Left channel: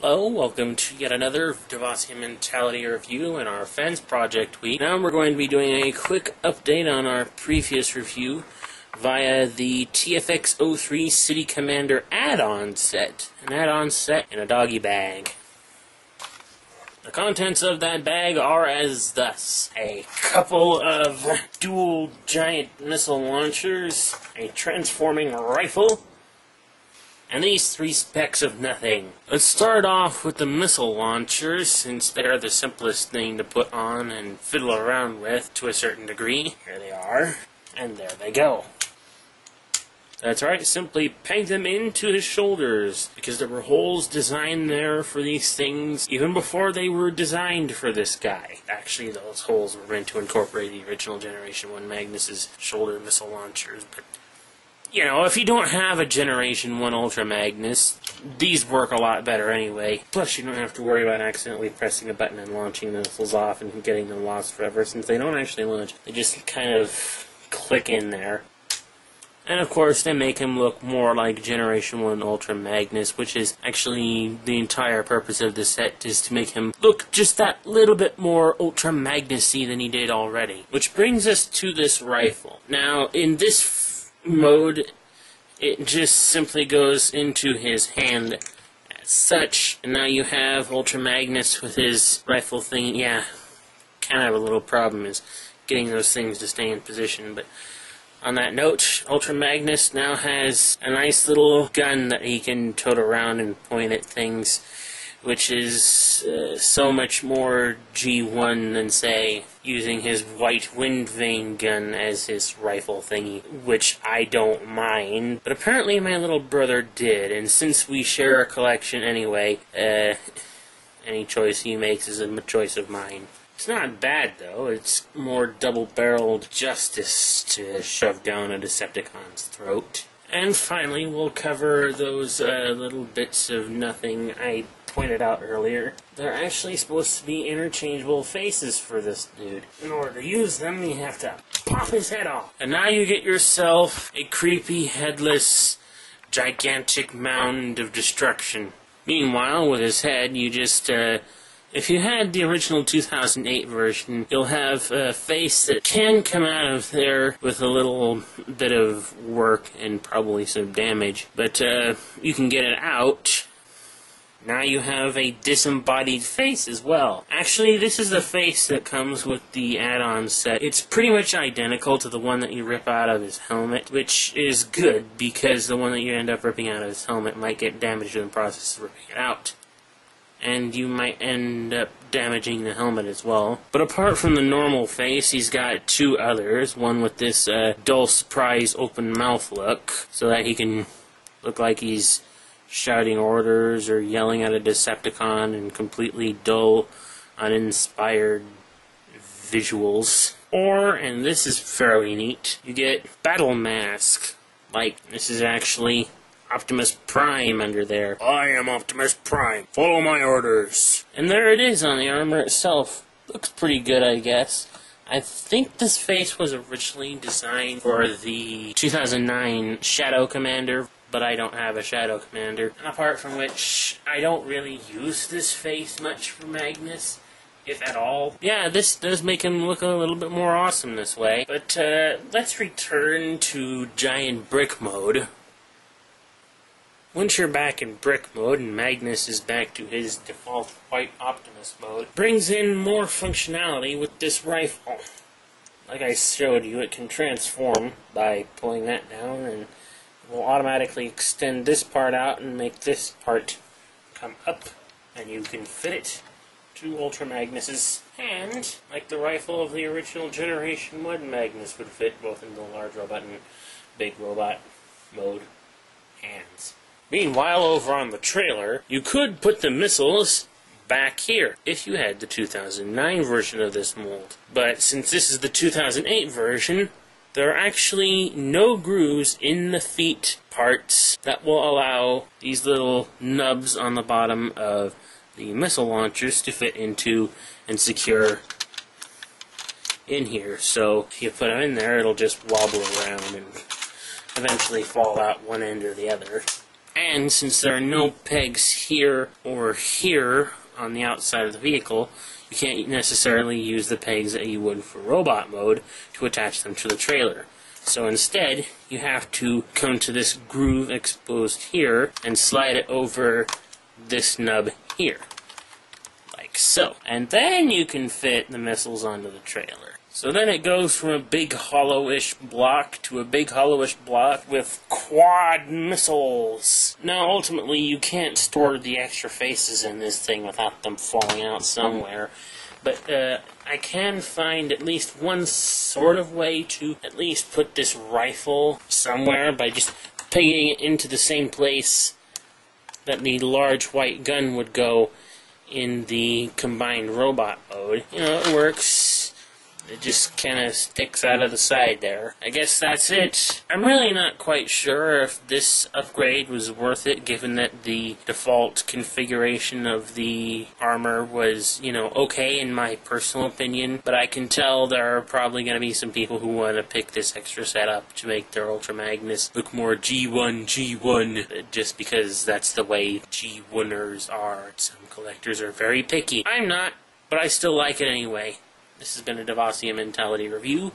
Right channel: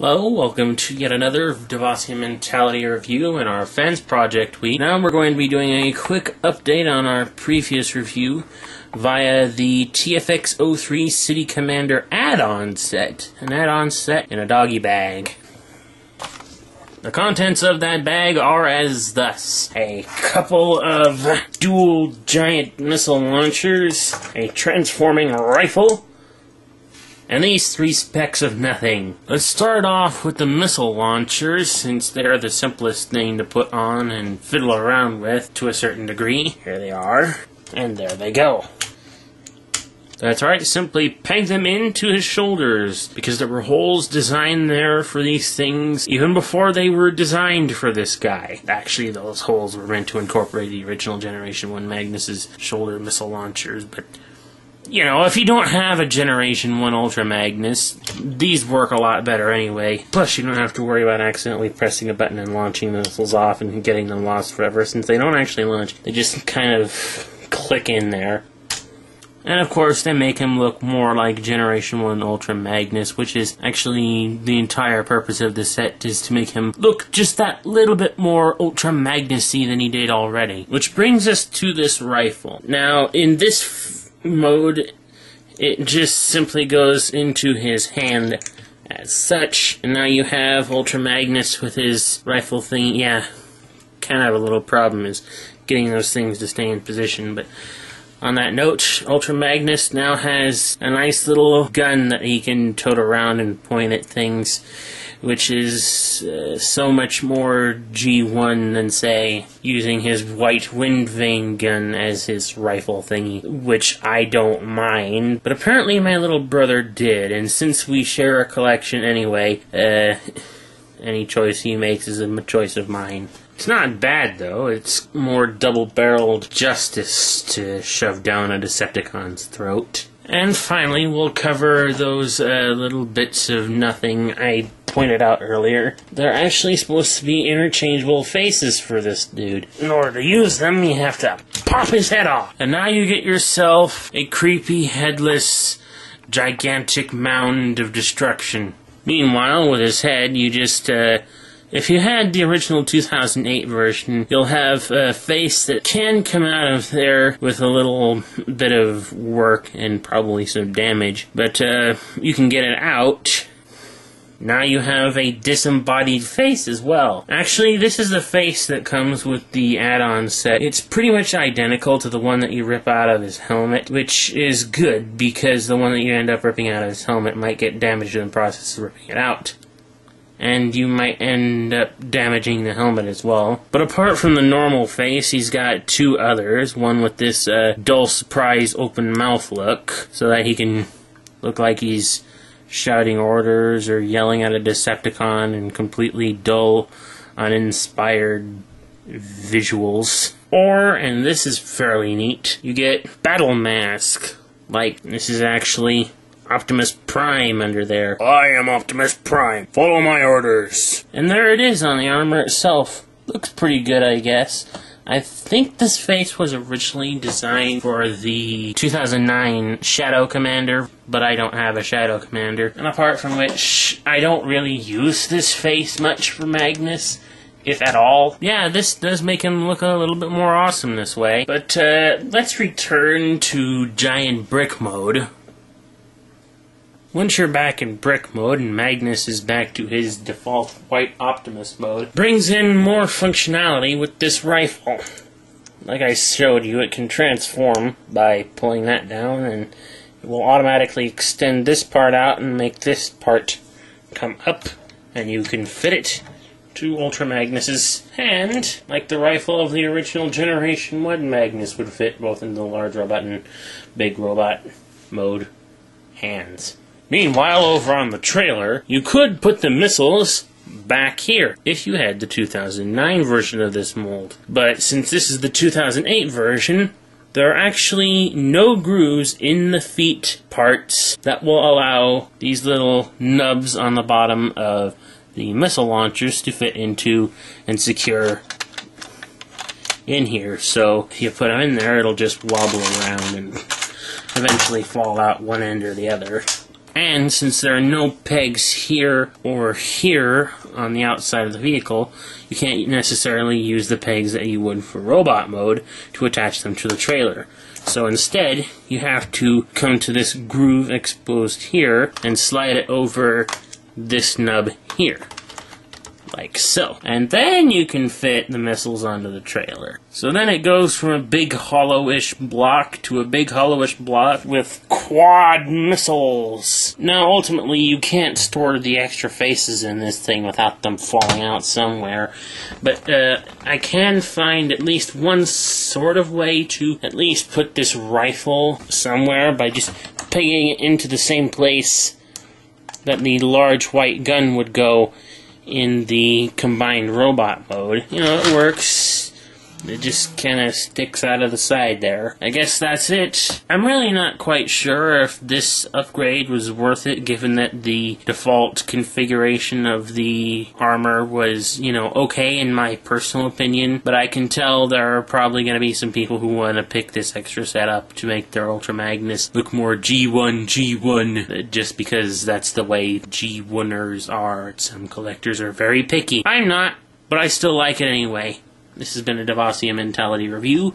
Hello, welcome to yet another DevasiaMentality review in our Fansproject week. Now we're going to be doing a quick update on our previous review via the TFX-03 City Commander add-on set. An add-on set in a doggy bag. The contents of that bag are as thus: a couple of dual giant missile launchers, a transforming rifle, and these three specs of nothing. Let's start off with the missile launchers, since they're the simplest thing to put on and fiddle around with to a certain degree. Here they are, and there they go. That's right, simply peg them into his shoulders, because there were holes designed there for these things even before they were designed for this guy. Actually, those holes were meant to incorporate the original Generation 1 Magnus's shoulder missile launchers, but you know, if you don't have a Generation 1 Ultra Magnus, these work a lot better anyway. Plus, you don't have to worry about accidentally pressing a button and launching the missiles off and getting them lost forever, since they don't actually launch. They just kind of click in there. And of course, they make him look more like Generation 1 Ultra Magnus, which is actually the entire purpose of the set, is to make him look just that little bit more Ultra Magnus-y than he did already. Which brings us to this rifle. Now, in this mode, it just simply goes into his hand as such, and now you have Ultra Magnus with his rifle thing. Yeah, kind of have a little problem is getting those things to stay in position, but on that note, Ultra Magnus now has a nice little gun that he can tote around and point at things, which is so much more G1 than, say, using his white wind vane gun as his rifle thingy, which I don't mind. But apparently my little brother did, and since we share a collection anyway, any choice he makes is a choice of mine. It's not bad, though. It's more double-barreled justice to shove down a Decepticon's throat. And finally, we'll cover those little bits of nothing I pointed out earlier. They're actually supposed to be interchangeable faces for this dude. In order to use them, you have to pop his head off. And now you get yourself a creepy, headless, gigantic mound of destruction. Meanwhile, with his head, you just, if you had the original 2008 version, you'll have a face that can come out of there with a little bit of work and probably some damage, but you can get it out. Now you have a disembodied face as well. Actually, this is the face that comes with the add-on set. It's pretty much identical to the one that you rip out of his helmet, which is good, because the one that you end up ripping out of his helmet might get damaged in the process of ripping it out. And you might end up damaging the helmet as well. But apart from the normal face, he's got two others. One with this dull surprise open mouth look, so that he can look like he's shouting orders or yelling at a Decepticon in completely dull, uninspired visuals. Or, and this is fairly neat, you get Battle Mask. Like, this is actually Optimus Prime under there. I am Optimus Prime. Follow my orders. And there it is on the armor itself. Looks pretty good, I guess. I think this face was originally designed for the 2009 Shadow Commander, but I don't have a Shadow Commander. And apart from which, I don't really use this face much for Magnus, if at all. Yeah, this does make him look a little bit more awesome this way. But let's return to Giant Brick mode. Once you're back in Brick mode and Magnus is back to his default white Optimus mode, brings in more functionality with this rifle. Like I showed you, it can transform by pulling that down, and it will automatically extend this part out and make this part come up, and you can fit it to Ultra Magnus's hand, like the rifle of the original Generation 1 Magnus would fit both in the large robot and big robot mode hands. Meanwhile, over on the trailer, you could put the missiles back here if you had the 2009 version of this mold. But since this is the 2008 version, there are actually no grooves in the feet parts that will allow these little nubs on the bottom of the missile launchers to fit into and secure in here. So if you put them in there, it'll just wobble around and eventually fall out one end or the other. And since there are no pegs here or here on the outside of the vehicle, you can't necessarily use the pegs that you would for robot mode to attach them to the trailer. So instead, you have to come to this groove exposed here and slide it over this nub here. Like so. And then you can fit the missiles onto the trailer. So then it goes from a big hollow-ish block to a big hollow-ish block with quad missiles. Now ultimately you can't store the extra faces in this thing without them falling out somewhere. But I can find at least one sort of way to at least put this rifle somewhere by just pegging it into the same place that the large white gun would go in the combined robot mode. You know, it works. It just kind of sticks out of the side there. I guess that's it. I'm really not quite sure if this upgrade was worth it, given that the default configuration of the armor was, you know, okay in my personal opinion. But I can tell there are probably going to be some people who want to pick this extra setup to make their Ultra Magnus look more G1, just because that's the way G1ers are. Some collectors are very picky. I'm not, but I still like it anyway. This has been a DevasiaMentality review.